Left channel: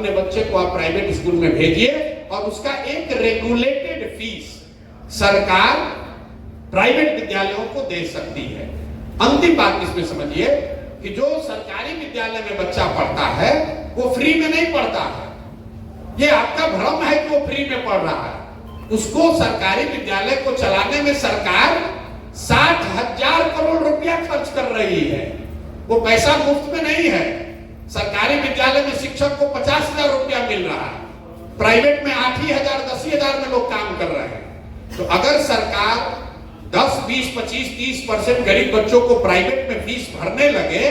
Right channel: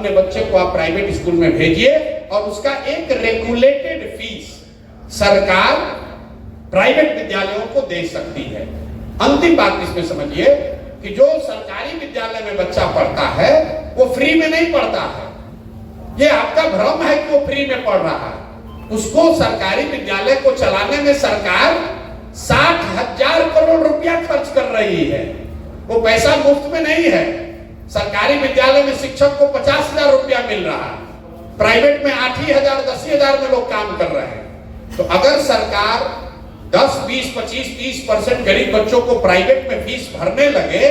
अपने बच्चे को आप प्राइवेट स्कूल में भेजिए और उसका एक रेगुलेटेड फीस सरकार प्राइवेट विद्यालयों को दे सकती है। अंतिम बात इसमें समझिए कि जो सरकारी विद्यालय में बच्चा पढ़ता है वो फ्री में नहीं पढ़ता है। ये आपका भ्रम है कि वो फ्री में पढ़ रहा है। उसको सरकारी विद्यालय को चलाने में सरकार 60,000 करोड़ रुपया खर्च कर रही है। वो पैसा मुफ्त में नहीं है। सरकारी विद्यालय में शिक्षक को 50,000 रुपया मिल रहा है, प्राइवेट में 8,000 10,000 में लोग काम कर रहे हैं। तो अगर सरकार 10, 20, 25, 30% गरीब बच्चों को प्राइवेट में फीस भरने लगे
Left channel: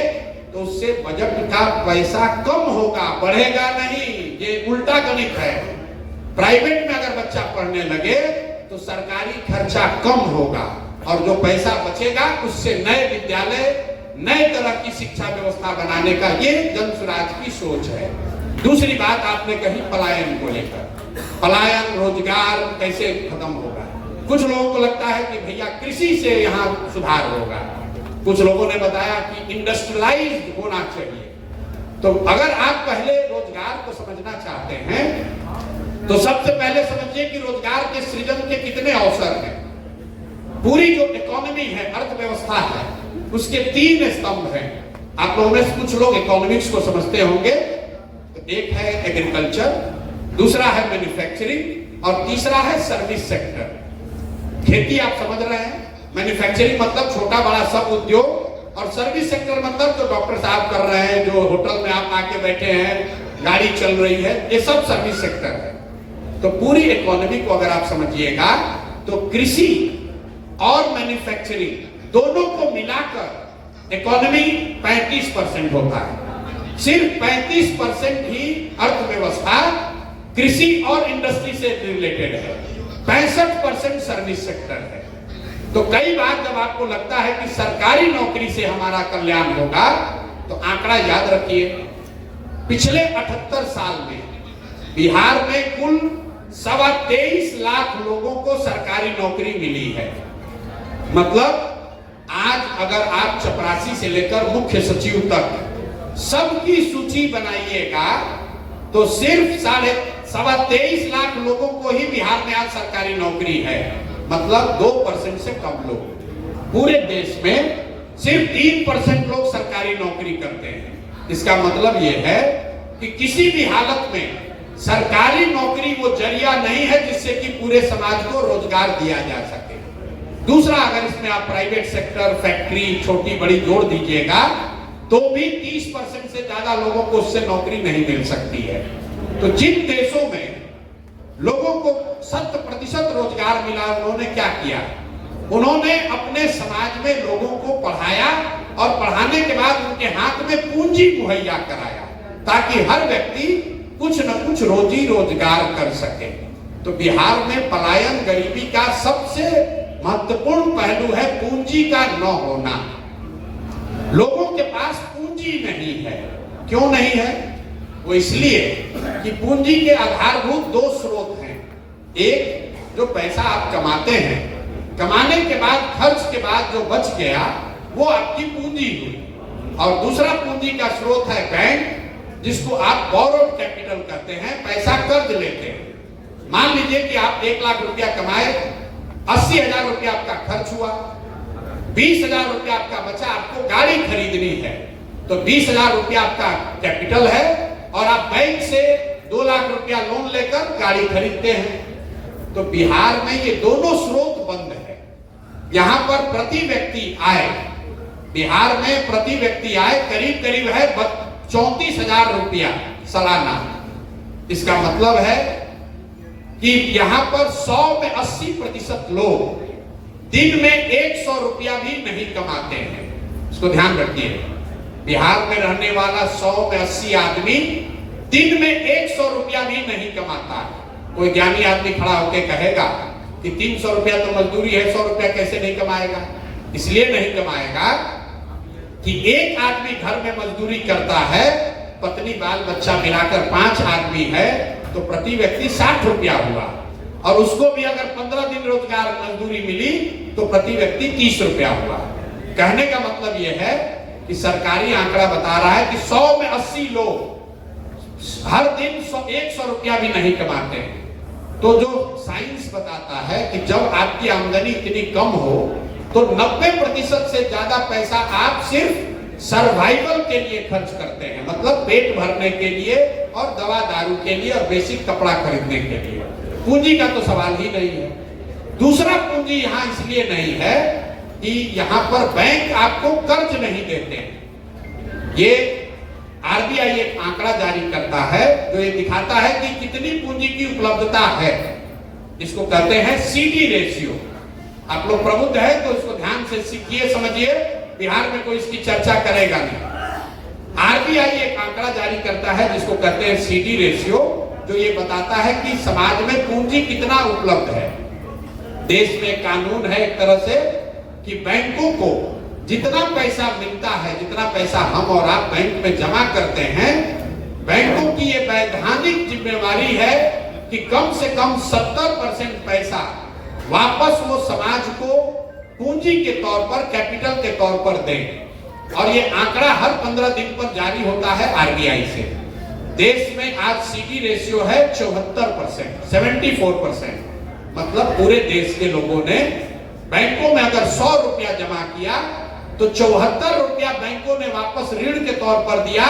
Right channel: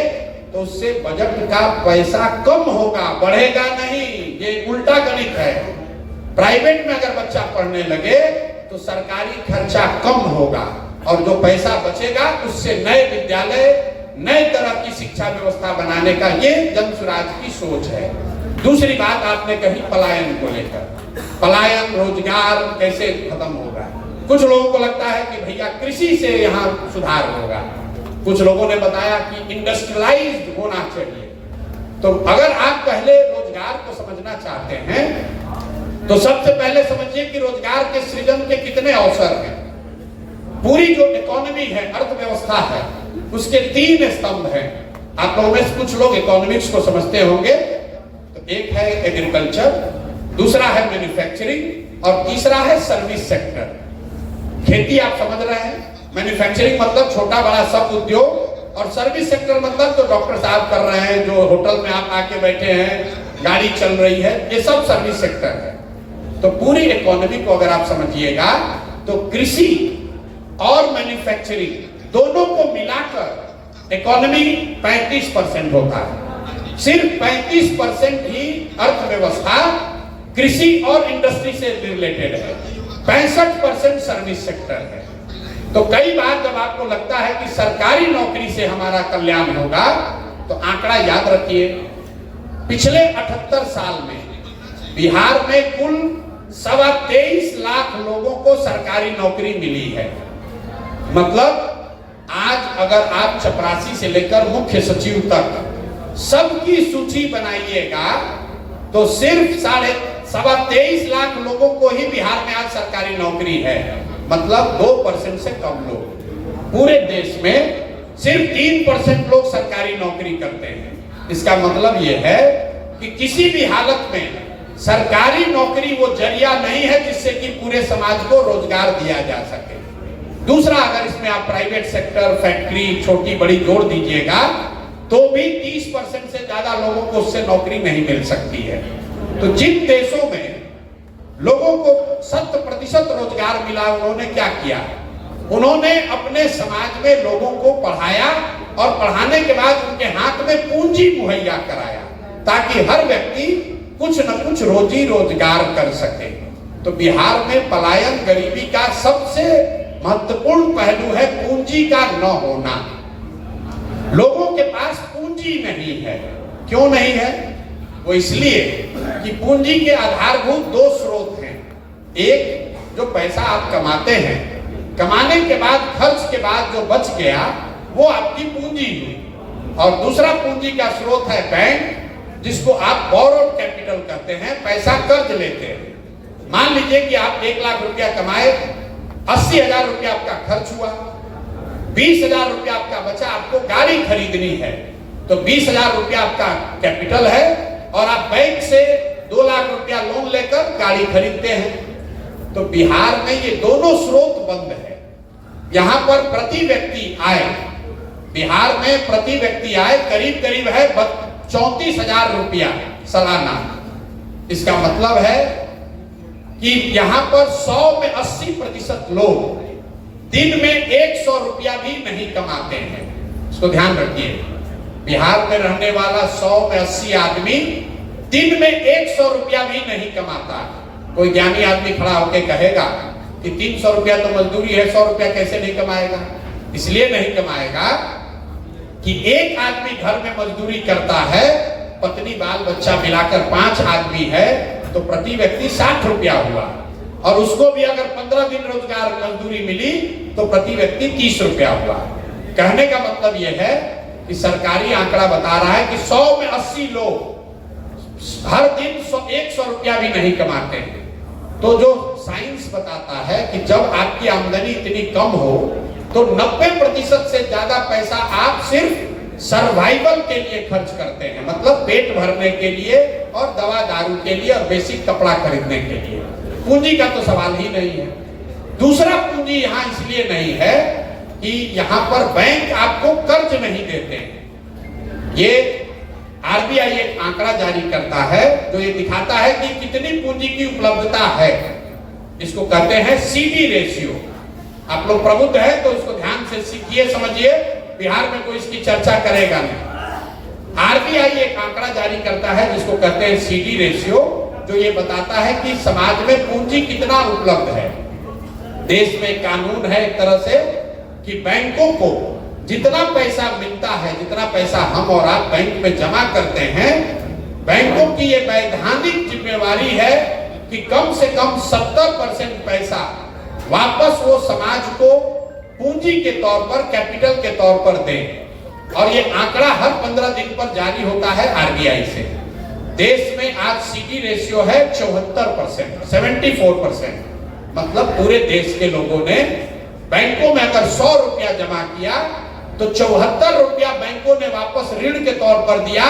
तो उससे बजट का पैसा कम होगा, बढ़ेगा नहीं। ये उल्टा गणित है। प्राइवेट में अगर बच्चा पढ़ने लगे तो सरकारी खर्चा कम होगा और जो पैसा बचेगा उससे नए विद्यालय, नए तरह की शिक्षा व्यवस्था बनाने का ये जन स्वराज की सोच है। दूसरी बात आपने कही पलायन को लेकर, पलायन रोजगार कैसे खत्म होगा। कुछ लोगों को लगता है कि भैया कृषि से यहाँ सुधार होगा, कुछ लोगों ने बताया कि इंडस्ट्रियलाइज्ड होना चाहिए। तो अगर आप पहले रोजगार को समझना चाहते हैं तो सबसे पहले समझिए कि रोजगार के सृजन के कितने अवसर हैं। पूरी जो इकोनॉमी है, अर्थव्यवस्था है, उसके 3 स्तंभ हैं। आप लोगों में कुछ लोग इकोनॉमिक्स को समझते होंगे। तो एक है एग्रीकल्चर, दूसरा है मैन्युफैक्चरिंग और तीसरा है सर्विस सेक्टर। खेती आप समझ रहे हैं, मैन्युफैक्चरिंग मतलब छोटा बड़ा सब उद्योग, और सर्विस सेक्टर मतलब जो डॉक्टर साहब कर रहे हैं, जो होटल में आप आके बैठे हैं, गाड़ी चल रही है, ये सब सर्विस सेक्टर है। तो पूरी इकोनॉमी को अगर आप समझिएगा तो कृषि और मैन्युफैक्चरिंग दोनों को मिलाकर इकोनॉमी 35% होता है। सिर्फ 35% ही अर्थव्यवस्था कृषि और इंडस्ट्री से रिलेटेड है, 65% सर्विस सेक्टर है। तो कई बार जब आपको लगता है कि सरकारी नौकरी से हमारा कल्याण होगा तो आंकड़ा याद रखिए, पिछले 78 साल में बिहार में कुल 23.25 लाख लोगों को सरकारी नौकरी मिली है। मतलब आज अगर आप चपरासी से लेकर मुख्य सचिव तक सबकी सूची बनाइएगा तो सिर्फ 23.25 लाख लोगों को ही बिहार में आज सरकारी नौकरी है। मतलब 2% से कम लोग। पूरे देश में सिर्फ 3% लोग सरकारी नौकरी करते हैं। इसका मतलब यह है कि किसी भी हालत में सरकारी नौकरी वो जरिया नहीं है जिससे कि पूरे समाज को रोजगार दिया जा सके। दूसरा, अगर इसमें आप प्राइवेट सेक्टर, फैक्ट्री, छोटी बड़ी जोड़ दीजिएगा तो भी 30% से ज्यादा लोगों को उससे नौकरी नहीं मिल सकती है। तो जिन देशों में लोगों को 100% रोजगार मिला, उन्होंने क्या किया? उन्होंने अपने समाज में लोगों को पढ़ाया और पढ़ाने के बाद उनके हाथ में पूंजी मुहैया कराया ताकि हर व्यक्ति कुछ न कुछ रोजी रोजगार कर सके। तो बिहार में पलायन, गरीबी का सबसे महत्वपूर्ण पहलू है पूंजी का न होना। लोगों के पास पूंजी नहीं है। क्यों नहीं है? वो इसलिए कि पूंजी के आधारभूत 2 स्रोत हैं। एक, जो पैसा आप कमाते हैं, कमाने के बाद खर्च के बाद जो बच गया वो आपकी पूंजी हुई। और दूसरा पूंजी का स्रोत है बैंक, जिसको आप बोरोड कैपिटल कहते हैं, पैसा कर्ज लेते हैं। मान लीजिए कि आप 1 लाख रुपया कमाए, 80,000 रुपया आपका खर्च हुआ, 20,000 रुपया आपका बचा, आपको गाड़ी खरीदनी है तो 20,000 रुपया आपका कैपिटल है और आप बैंक से 2 लाख रुपया लोन लेकर गाड़ी खरीदते हैं। तो बिहार में ये दोनों स्रोत बंद है। यहां पर प्रति व्यक्ति आय, बिहार में प्रति व्यक्ति आय करीब करीब है 34,000 रुपया सालाना। इसका मतलब है कि यहां पर 100 में 80% लोग दिन में 100 रुपया भी नहीं कमाते हैं। इसको ध्यान रखिए, बिहार में रहने वाला 100 में 80 आदमी दिन में 100 रुपया भी नहीं कमाता। कोई ज्ञानी आदमी खड़ा होकर कहेगा कि 300 रुपया तो मजदूरी है, 100 रुपया कैसे नहीं कमाएगा? इसलिए नहीं कमाएगा कि एक आदमी घर में मजदूरी करता है, पत्नी बाल बच्चा मिलाकर 5 आदमी है तो प्रति व्यक्ति 60 रुपया हुआ, और उसको भी अगर 15 दिन रोजगार मजदूरी मिली तो प्रति व्यक्ति 30 रुपया हुआ। कहने का मतलब यह है कि सरकारी आंकड़ा बता रहा है कि 100 में 80 लोग हर दिन 100 रुपया भी नहीं कमाते हैं। तो जो साइंस बताता है कि जब आपकी आमदनी इतनी कम हो तो 90% से ज्यादा पैसा आप सिर्फ सर्वाइवल के लिए खर्च करते हैं, मतलब पेट भरने के लिए और दवा दारू के लिए और बेसिक कपड़ा खरीदने के लिए। पूंजी का तो सवाल ही नहीं है। दूसरा पूंजी यहाँ इसलिए नहीं है कि यहाँ पर बैंक आपको कर्ज नहीं देते हैं। ये आरबीआई एक आंकड़ा जारी करता है जो ये दिखाता है कि कितनी पूंजी की उपलब्धता है। इसको कहते हैं सीडी रेशियो। आप लोग प्रबुद्ध हैं तो उसको ध्यान से सीखिए, समझिए। बिहार में कोई इसकी चर्चा करेगा नहीं। आरबीआई एक आंकड़ा जारी करता है जिसको कहते हैं सीडी रेशियो, जो ये बताता है कि समाज में पूंजी कितना उपलब्ध है। देश में कानून है एक तरह से कि बैंकों को जितना पैसा मिलता है, जितना पैसा हम और आप बैंक में जमा करते हैं, बैंकों की ये वैधानिक जिम्मेवारी है कि कम से कम 70% पैसा वापस वो समाज को पूंजी के तौर पर, कैपिटल के तौर पर दें। और ये आंकड़ा हर 15 दिन पर जारी होता है आरबीआई से। देश में आज सीडी रेशियो है 74%, 74%। मतलब पूरे देश के लोगों ने बैंकों में अगर 100 रुपया जमा किया तो 74 रुपया बैंकों ने वापस ऋण के तौर पर दिया,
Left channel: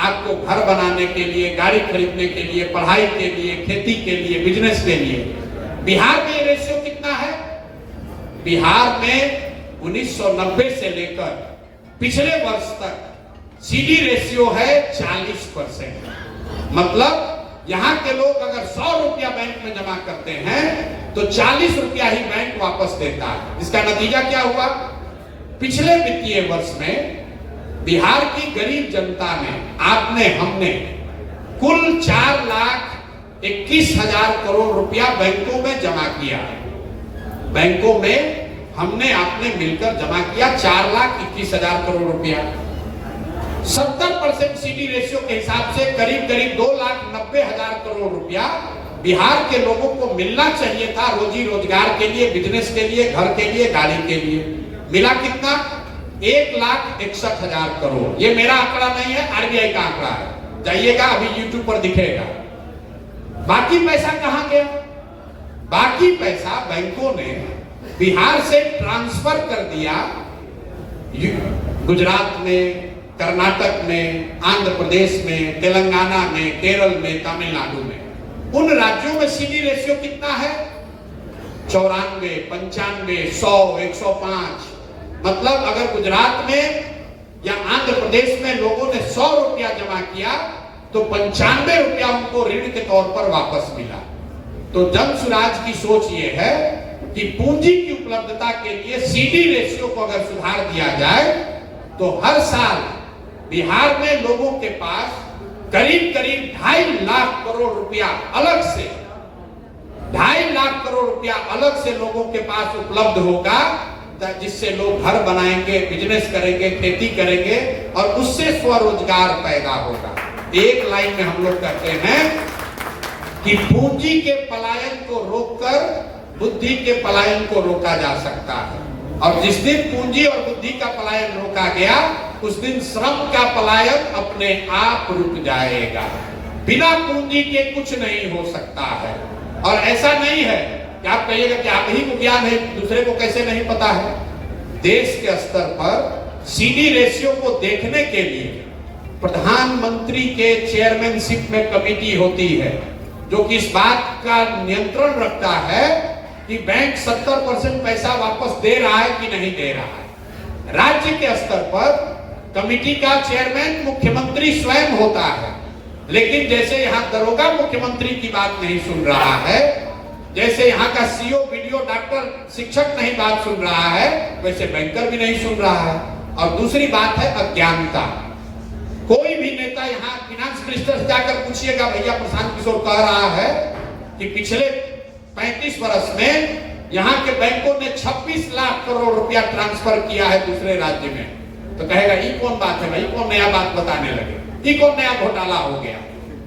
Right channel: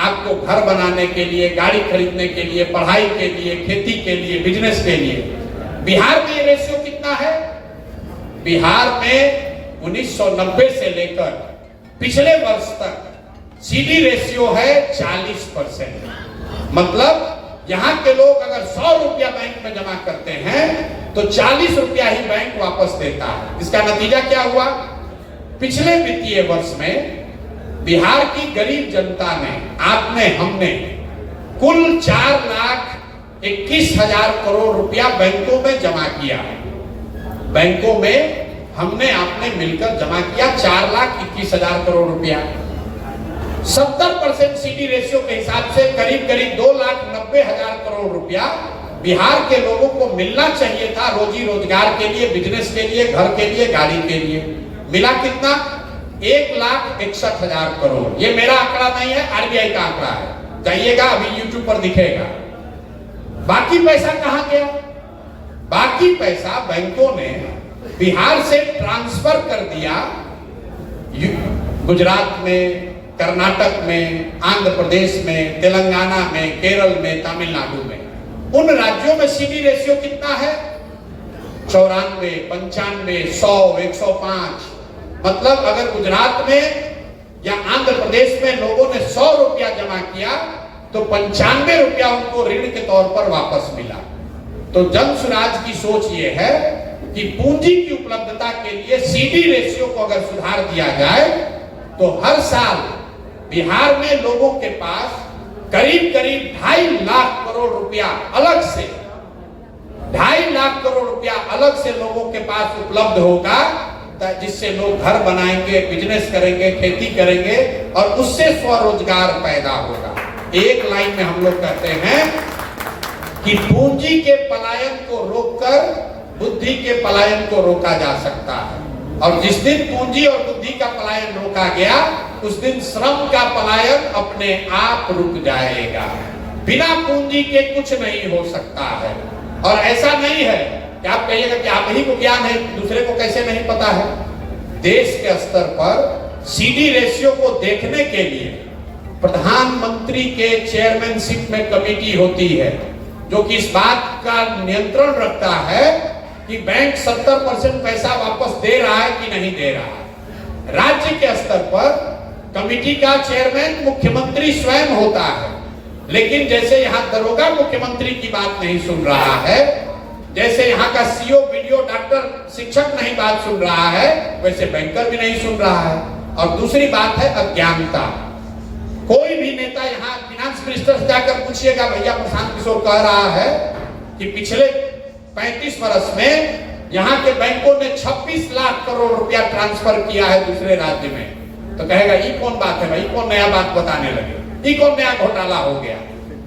आपको घर बनाने के लिए, गाड़ी खरीदने के लिए, पढ़ाई के लिए, खेती के लिए, बिजनेस के लिए। बिहार में ये रेशियो कितना है? बिहार में 1990 से लेकर पिछले वर्ष तक सीडी रेशियो है 40%। मतलब यहाँ के लोग अगर 100 रुपया बैंक में जमा करते हैं तो 40 रुपया ही बैंक वापस देता है। इसका नतीजा क्या हुआ? पिछले वित्तीय वर्ष में बिहार की गरीब जनता ने, आपने, हमने कुल 4,21,000 करोड़ रुपया बैंकों में जमा किया है। बैंकों में हमने आपने मिलकर जमा किया 4,21,000 करोड़ रुपया। 70% सीडी रेशियो के हिसाब से करीब 2,90,000 करोड़ रुपया बिहार के लोगों को मिलना चाहिए था रोजी रोजगार के लिए, बिजनेस के लिए, घर के लिए, गाड़ी के लिए। मिला कितना? 1,61,000 करोड़। ये मेरा आंकड़ा नहीं है, आरबीआई का आंकड़ा है, जाइएगा, अभी यूट्यूब पर दिखेगा। बाकी पैसा कहां गया? बाकी पैसा बैंकों ने बिहार से ट्रांसफर कर दिया गुजरात में, कर्नाटक में, आंध्र प्रदेश में, तेलंगाना में, केरल में, तमिलनाडु में। उन राज्यों में सीडी रेशियो कितना है? 94, 95, 100, 105। मतलब अगर गुजरात में या आंध्र प्रदेश में लोगों ने 100 रुपया जमा किया तो 95 रुपया उनको ऋण के तौर पर वापस मिला। तो जन सुराज की सोच ये है कि पूंजी की उपलब्धता के लिए सीडी रेशियो को अगर सुधार दिया जाए तो हर साल बिहार में लोगों के पास करीब 2.5 लाख करोड़ रुपया अलग से, 2.5 लाख करोड़ रुपया अलग से लोगों के पास उपलब्ध होगा, जिससे लोग घर बनाएंगे, बिजनेस करेंगे, खेती करेंगे और उससे स्वरोजगार पैदा होगा। एक लाइन में हम लोग कहते हैं कि पूंजी के पलायन को रोककर बुद्धि के पलायन को रोका जा सकता है। और जिस दिन पूंजी और बुद्धि का पलायन रोका गया उस दिन श्रम का पलायन अपने आप रुक जाएगा। बिना पूंजी के कुछ नहीं हो सकता है। और ऐसा नहीं है कि आप कहिएगा कि आप ही को ज्ञान है, दूसरे को कैसे नहीं पता है। देश के स्तर पर सीडी रेशियो को देखने के लिए प्रधानमंत्री के चेयरमैनशिप में कमेटी होती है जो कि इस बात का नियंत्रण रखता है कि बैंक 70% पैसा वापस दे रहा है कि नहीं दे रहा है। राज्य के स्तर पर कमेटी का चेयरमैन मुख्यमंत्री स्वयं होता है, लेकिन जैसे यहाँ दरोगा मुख्यमंत्री की बात नहीं सुन रहा है, जैसे यहाँ का सीओ, बीडीओ, डॉक्टर, शिक्षक नहीं बात सुन रहा है, वैसे बैंकर भी नहीं सुन रहा है। और दूसरी बात है अज्ञानता। कोई भी नेता यहाँ फिनांस मिनिस्टर से जाकर पूछिएगा, भैया प्रशांत किशोर कह रहा है कि पिछले 35 वर्ष में यहाँ के बैंकों ने 26 लाख करोड़ रुपया ट्रांसफर किया है दूसरे राज्य में, तो कहेगा ये कौन बात है भाई, कौन नया बात बताने लगे, ये कौन नया घोटाला हो गया।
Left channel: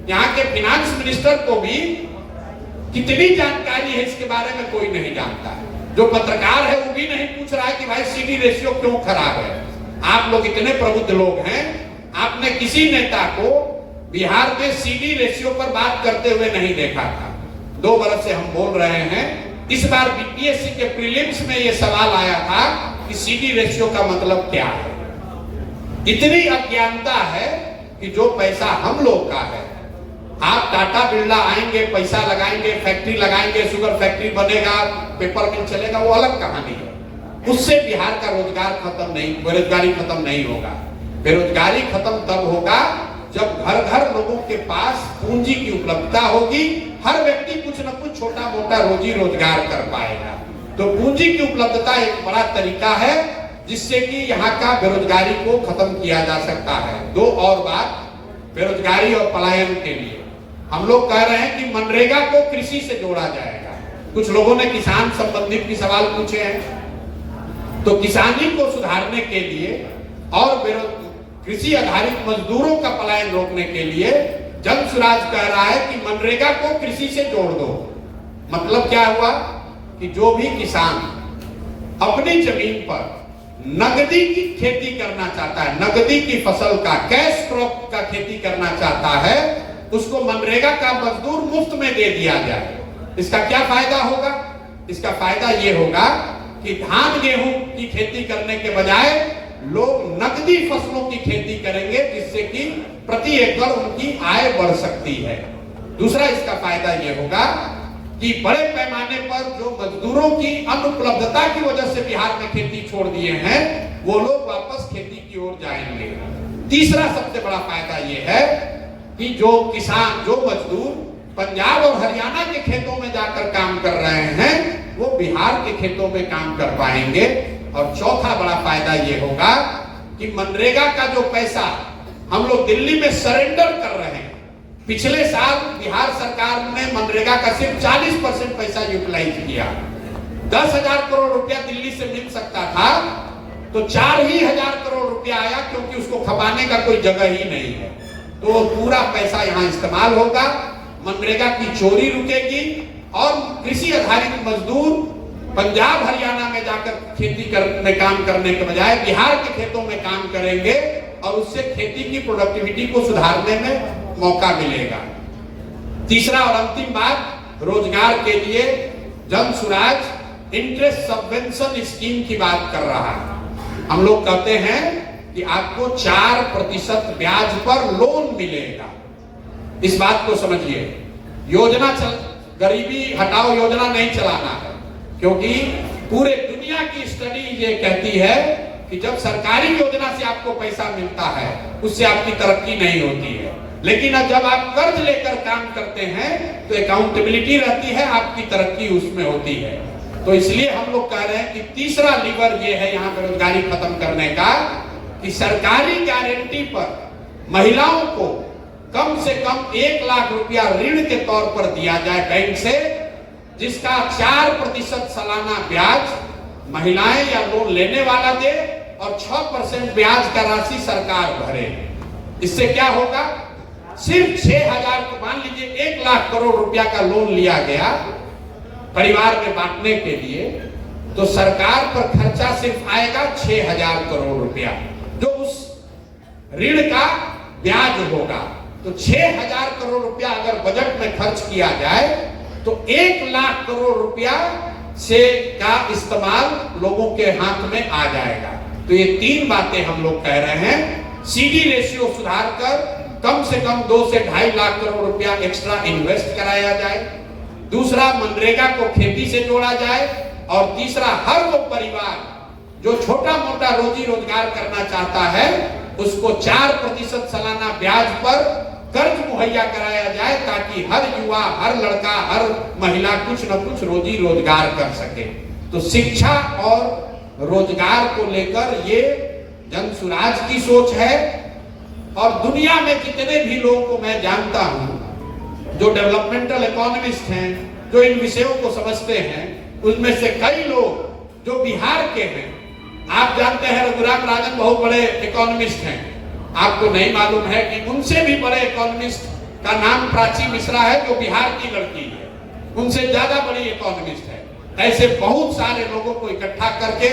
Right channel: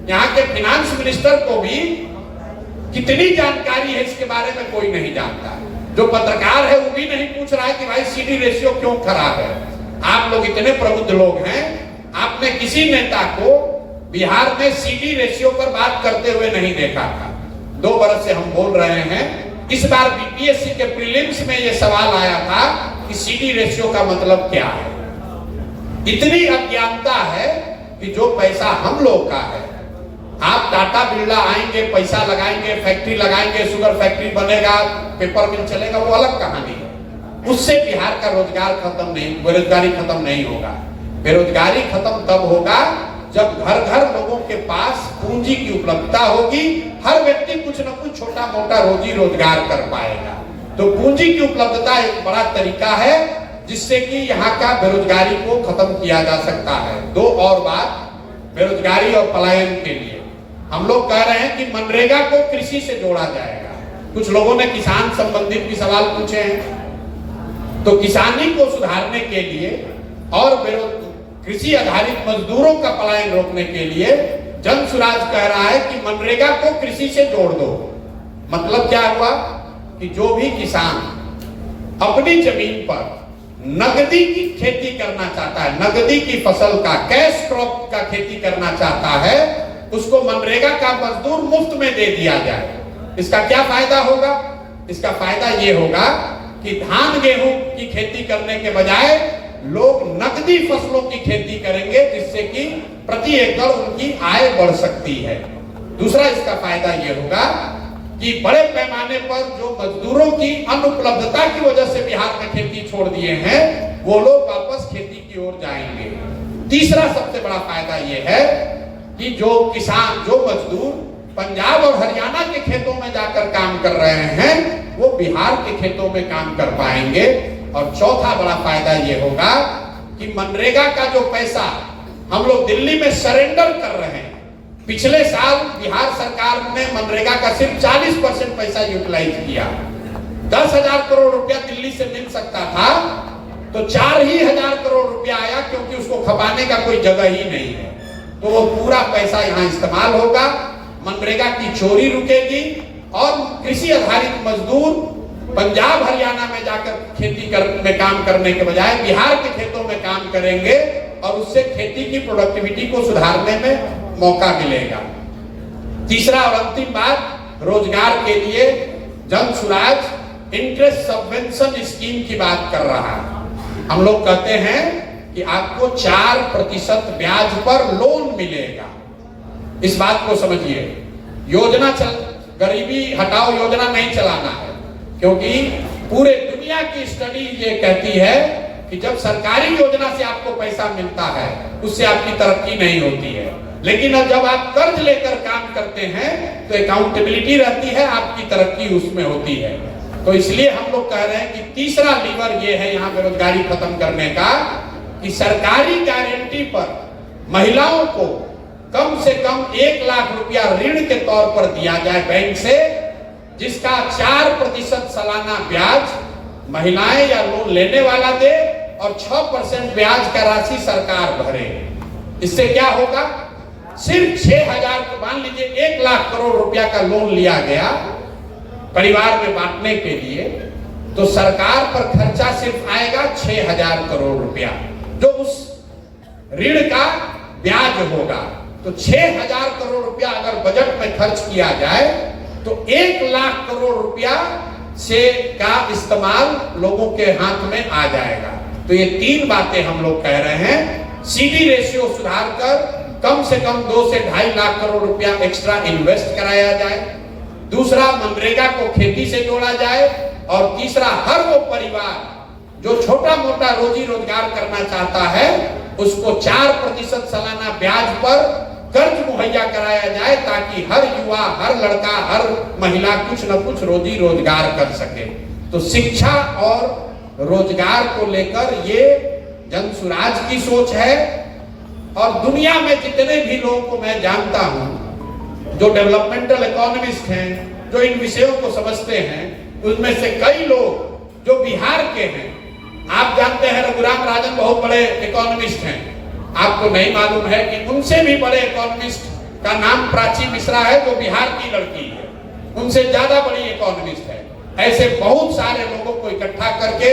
यहाँ के फिनांस मिनिस्टर को भी कितनी जानकारी है इसके बारे में कोई नहीं जानता। जो पत्रकार है वो भी नहीं पूछ रहा है कि भाई सीडी रेशियो क्यों खराब है। आप लोग इतने प्रबुद्ध लोग हैं, आपने किसी नेता को बिहार में सीडी रेशियो पर बात करते हुए नहीं देखा था। 2 बरस से हम बोल रहे हैं। इस बार बीपीएससी के प्रीलिम्स में यह सवाल आया था कि सीडी रेशियो का मतलब क्या है। इतनी अज्ञानता है कि जो पैसा हम लोग का है, आप टाटा बिरला आएंगे, पैसा लगाएंगे, फैक्ट्री लगाएंगे, शुगर फैक्ट्री बनेगा, पेपर मिल चलेगा, वो अलग कहानी है। उससे बिहार का रोजगार खत्म नहीं, बेरोजगारी खत्म नहीं होगा। बेरोजगारी खत्म तब होगा जब घर घर लोगों के पास पूंजी की उपलब्धता होगी। हर व्यक्ति कुछ न कुछ छोटा मोटा रोजी रोजगार कर पाएगा। तो पूंजी की उपलब्धता एक बड़ा तरीका है जिससे कि यहाँ का बेरोजगारी को खत्म किया जा सकता है। 2 और बात बेरोजगारी और पलायन के लिए हम लोग कह रहे हैं कि मनरेगा को कृषि से जोड़ा जाएगा। कुछ लोगों ने किसान संबंधित भी सवाल पूछे हैं। तो किसानी को सुधारने के लिए और कृषि आधारित मजदूरों का पलायन रोकने के लिए जन सुराज कह रहा है कि मनरेगा को कृषि से जोड़ दो। मतलब क्या हुआ कि जो भी किसान अपनी जमीन पर नगदी की खेती करना चाहता है, नगदी की फसल का, कैश क्रॉप का खेती करना चाहता है, उसको मनरेगा का मजदूर मुफ्त में दे दिया जाए। इसका क्या फायदा होगा? इसका फायदा ये होगा कि धान गेहूं की खेती करने के बजाय लोग नकदी फसलों की खेती करेंगे, जिससे कि प्रति एकड़ उनकी आय बढ़ सकती है। दूसरा इसका फायदा ये होगा कि बड़े पैमाने पर जो मजदूरों की अनुपलब्धता की वजह से बिहार में खेती छोड़ दिए हैं, वो लोग वापस खेती की ओर जाएंगे। तीसरा सबसे बड़ा फायदा ये है कि जो किसान, जो मजदूर पंजाब और हरियाणा के खेतों में जाकर काम कर रहे हैं, वो बिहार के खेतों में काम कर पाएंगे। और चौथा बड़ा फायदा ये होगा कि मनरेगा का जो पैसा हम लोग दिल्ली में सरेंडर कर रहे हैं, पिछले साल बिहार सरकार ने मनरेगा का सिर्फ 40% पैसा यूटिलाइज किया। 10,000 करोड़ रुपया दिल्ली से मिल सकता था, तो 4,000 करोड़ रुपया आया, क्योंकि उसको खपाने का कोई जगह ही नहीं है। तो वो पूरा पैसा यहाँ इस्तेमाल होगा, मनरेगा की चोरी रुकेगी और कृषि आधारित मजदूर पंजाब हरियाणा में जाकर खेती में काम करने के बजाय बिहार के खेतों में काम करेंगे और उससे खेती की प्रोडक्टिविटी को सुधारने में मौका मिलेगा। तीसरा और अंतिम बात, रोजगार के लिए Jan Suraaj interest subvention scheme की बात कर रहा है। हम लोग कहते हैं कि आपको 4% ब्याज पर लोन मिलेगा। इस बात को समझिए। योजना गरीबी हटाओ योजना नहीं चलाना है, क्योंकि पूरे दुनिया की स्टडी ये कहती है कि जब सरकारी योजना से आपको पैसा मिलता है, उससे आपकी तरक्की नहीं होती है। लेकिन अब जब आप कर्ज लेकर काम करते हैं तो अकाउंटेबिलिटी रहती है, आपकी तरक्की उसमें होती है। तो इसलिए हम लोग कह रहे हैं कि तीसरा लीवर ये है यहाँ बेरोजगारी खत्म करने का, कि सरकारी गारंटी पर महिलाओं को कम से कम 1 लाख रुपया ऋण के तौर पर दिया जाए बैंक से, जिसका 4% सालाना ब्याज महिलाएं या लोन लेने वाला दे और 6% ब्याज का राशि सरकार भरे। इससे क्या होगा? सिर्फ 6,000, मान लीजिए 1 लाख करोड़ रुपया का लोन लिया गया परिवार में बांटने के लिए, तो सरकार पर खर्चा सिर्फ आएगा 6,000 करोड़ रुपया, जो उस ऋण का ब्याज होगा। तो 6,000 करोड़ रुपया अगर बजट में खर्च किया जाए तो 1 लाख करोड़ रुपया से का इस्तेमाल लोगों के हाथ में आ जाएगा। तो ये 3 बातें हम लोग कह रहे हैं। सीडी रेशियो सुधार कर कम से कम 2 से 2.5 लाख करोड़ रुपया एक्स्ट्रा इन्वेस्ट कराया जाए। दूसरा, मनरेगा को खेती से जोड़ा जाए। और तीसरा, हर वो परिवार जो छोटा मोटा रोजी रोजगार करना चाहता है, उसको 4% सालाना ब्याज पर कर्ज मुहैया कराया जाए, ताकि हर युवा, हर लड़का, हर महिला कुछ न कुछ रोजी रोजगार कर सके। तो शिक्षा और रोजगार को लेकर ये जन सुराज की सोच है। और दुनिया में जितने भी लोगों को मैं जानता हूं जो डेवलपमेंटल इकोनॉमिस्ट हैं, जो इन विषयों को समझते हैं, उनमें से कई लोग जो बिहार के हैं, आप जानते हैं रघुराम राजन बहुत बड़े इकोनॉमिस्ट हैं। आपको नहीं मालूम है कि उनसे भी बड़े इकोनॉमिस्ट का नाम प्राची मिश्रा है, जो बिहार की लड़की है, उनसे ज्यादा बड़ी इकोनॉमिस्ट है। ऐसे बहुत सारे लोगों को इकट्ठा करके,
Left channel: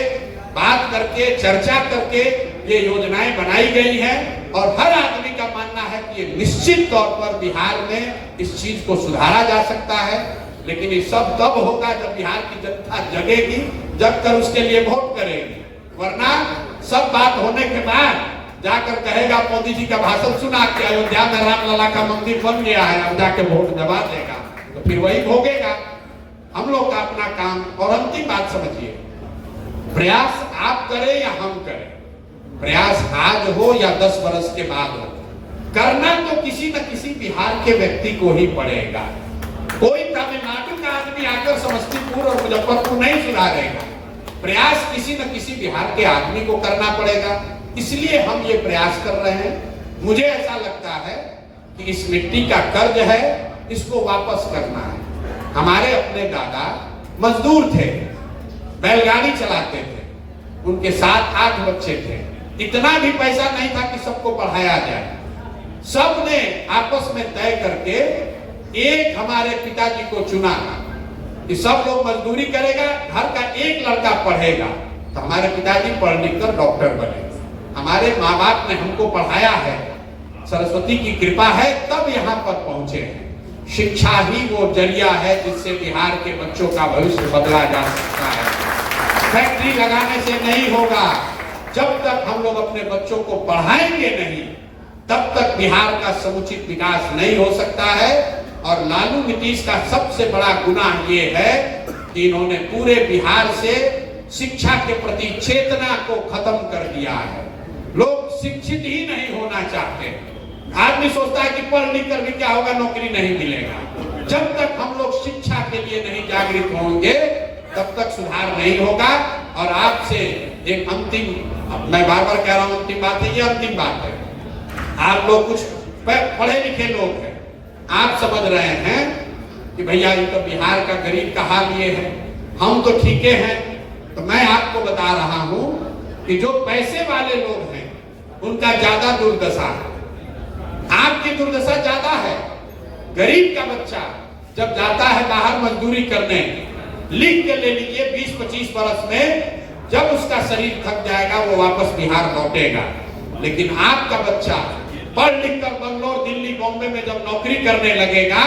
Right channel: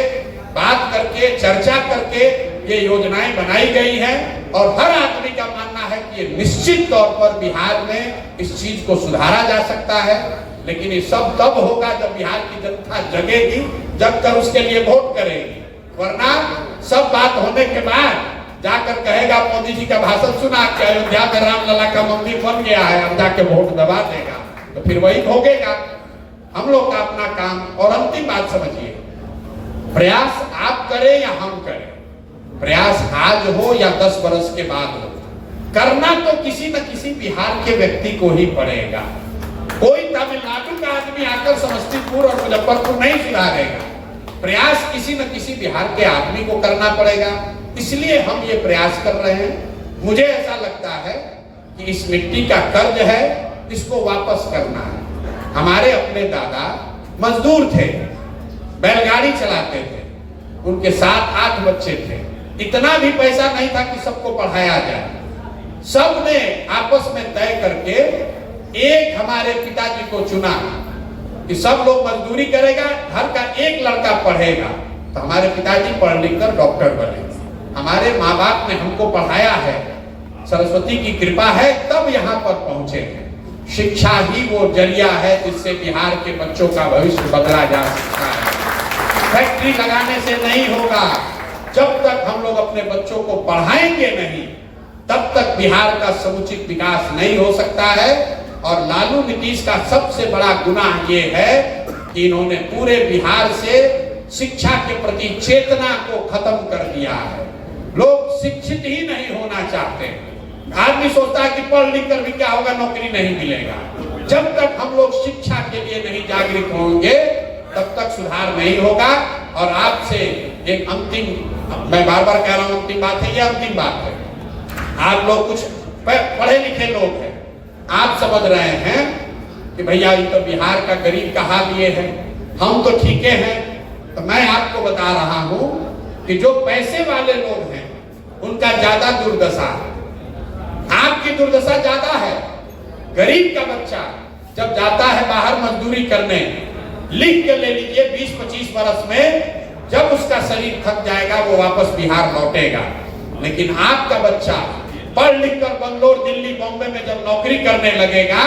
बात करके, चर्चा करके ये योजनाएं बनाई गई हैं। और हर आदमी का मानना है कि कि निश्चित तौर पर बिहार में इस चीज को सुधारा जा सकता है, लेकिन ये सब तब होगा जब बिहार की जनता जगेगी, जब तक उसके लिए वोट करेगी। वरना सब बात होने के बाद जाकर कहेगा मोदी जी का भाषण सुना कि अयोध्या में रामलला का मंदिर बन गया है, अब जाके वोट दबा देगा, तो फिर वही भोगेगा। हम लोग का अपना काम। और अंतिम बात समझिए, प्रयास आप करें या हम करें, प्रयास आज हो या 10 वर्ष के बाद हो, करना तो किसी न किसी बिहार के व्यक्ति को ही पड़ेगा। कोई तमिलनाडु का आदमी आकर समस्तीपुर और मुजफ्फरपुर नहीं सुधारेगा, प्रयास किसी न किसी बिहार के आदमी को करना पड़ेगा। इसलिए हम ये प्रयास कर रहे हैं। मुझे ऐसा लगता है कि इस मिट्टी का कर्ज है, इसको वापस करना है। हमारे अपने दादा मजदूर थे, बैलगाड़ी चलाते थे, उनके 7-8 बच्चे थे, इतना भी पैसा नहीं था कि सबको पढ़ाया जाए। सबने आपस में तय करके एक हमारे पिताजी को चुना कि सब लोग मजदूरी करेगा, घर का एक लड़का पढ़ेगा, तो हमारे पिताजी पढ़ लिख कर डॉक्टर बने। हमारे माँ बाप ने हमको पढ़ाया है, सरस्वती की कृपा है, तब यहाँ पर पहुंचे हैं। शिक्षा ही वो जरिया है जिससे बिहार के बच्चों का भविष्य बदला जा सकता है। फैक्ट्री लगाने से नहीं होगा। जब तक हम लोग अपने बच्चों को पढ़ाएंगे नहीं, तब तक बिहार का समुचित विकास नहीं हो सकता है। और लालू नीतीश का सबसे बड़ा गुनाह ये है कि इन्होंने पूरे बिहार से शिक्षा के प्रति चेतना को खत्म कर दिया है। लोग शिक्षित ही नहीं होना चाहते। आदमी सोचता है कि पढ़ लिख कर भी क्या होगा, नौकरी नहीं मिलेगा। जब तक हम लोग शिक्षा के लिए नहीं जागृत होंगे, तब तक सुधार नहीं होगा। और आपसे एक अंतिम, मैं बार बार कह रहा हूं अंतिम बात है, ये अंतिम बात है। आप लोग कुछ पढ़े लिखे लोग हैं, आप समझ रहे हैं कि भैया ये तो बिहार का गरीब का हाल ये है, हम तो ठीक हैं। तो मैं आपको बता रहा हूं कि जो पैसे वाले लोग हैं उनका ज्यादा दुर्दशा है, आपकी दुर्दशा ज्यादा है। गरीब का बच्चा जब जाता है बाहर मजदूरी करने, लिख के ले लीजिए 20-25 वर्ष में जब उसका शरीर थक जाएगा वो वापस बिहार लौटेगा। लेकिन आपका बच्चा पढ़ लिख कर बंगलोर, दिल्ली, बॉम्बे में जब नौकरी करने लगेगा,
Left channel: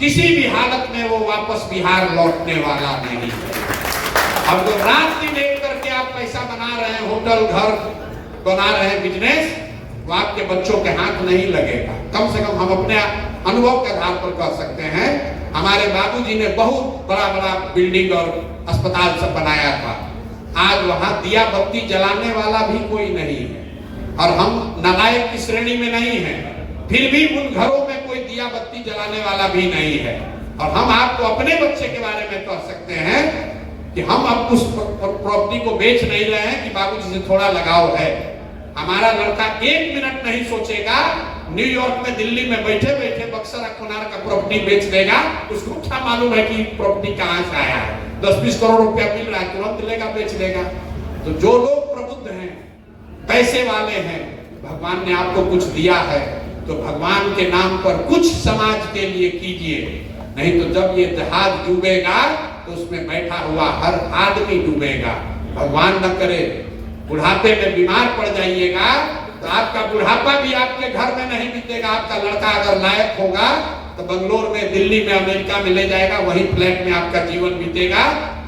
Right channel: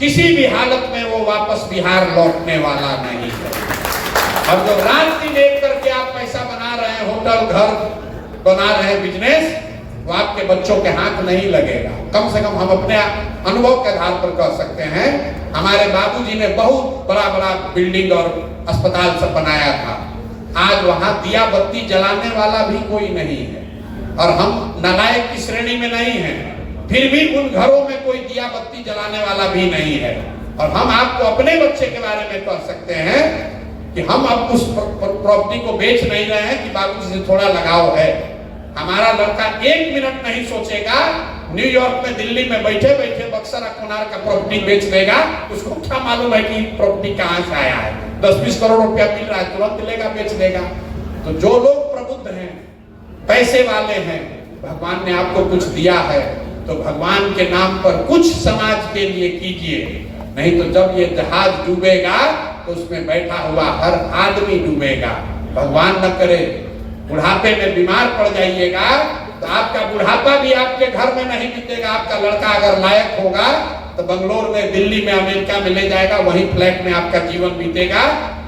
किसी भी हालत में वो वापस बिहार लौटने वाला नहीं है। अब जो रात दिन एक करके आप पैसा बना रहे हैं, होटल घर बना रहे हैं, बिजनेस, वो आपके बच्चों के हाथ नहीं लगेगा। कम से कम हम अपने अनुभव के आधार पर कह सकते हैं, हमारे बाबूजी ने बहुत बड़ा बड़ा बिल्डिंग और अस्पताल सब बनाया था। आज वहां दिया बत्ती जलाने वाला भी कोई नहीं है, और हम नालायक की श्रेणी में नहीं है, फिर भी उन घरों में कोई दिया बत्ती जलाने वाला भी नहीं है। और हम आपको अपने बच्चे के बारे में कह सकते हैं कि हम अब उस प्रॉपर्टी को बेच नहीं रहे हैं कि बाबूजी से थोड़ा लगाव है। हमारा लड़का 1 मिनट नहीं सोचेगा, न्यूयॉर्क में, दिल्ली में बैठे बैठे बक्सर अखबार का प्रॉपर्टी बेच देगा। उसको क्या मालूम है कि प्रॉपर्टी कहां से आया है, 10-20 करोड़ रुपया मिल रहा है, तुरंत लेगा, बेच देगा। तो जो लोग प्रबुद्ध हैं, पैसे वाले हैं, भगवान ने आपको कुछ दिया है तो भगवान के नाम पर कुछ समाज के लिए कीजिए, नहीं तो जब ये जहाज डूबेगा तो उसमें बैठा हुआ हर आदमी डूबेगा। भगवान न करे बुढ़ापे में बीमार पड़ जाइएगा तो आपका बुढ़ापा भी आपके घर में नहीं बीतेगा। आपका लड़का अगर लायक होगा तो बंगलोर में, दिल्ली में, अमेरिका में ले जाएगा, वहीं फ्लैट में आपका जीवन बीतेगा,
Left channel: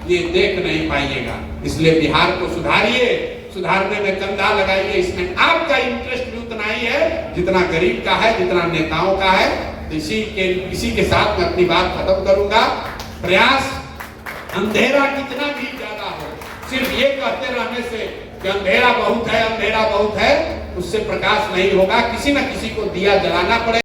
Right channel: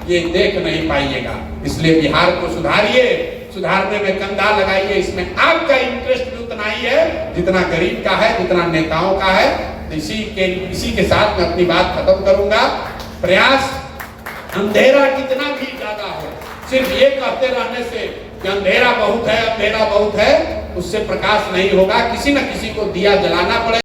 ये देख नहीं पाइएगा। इसलिए बिहार को सुधारिए, सुधारने में कंधा लगाइए। इसमें आपका इंटरेस्ट भी उतना ही है जितना गरीब का है, जितना नेताओं का है। इसी के साथ मैं अपनी बात खत्म करूंगा। प्रयास, अंधेरा कितना भी ज्यादा हो, सिर्फ ये कहते रहने से कि अंधेरा बहुत है, अंधेरा बहुत है, उससे प्रकाश नहीं होगा। किसी न किसी को दिया जलाना पड़ेगा।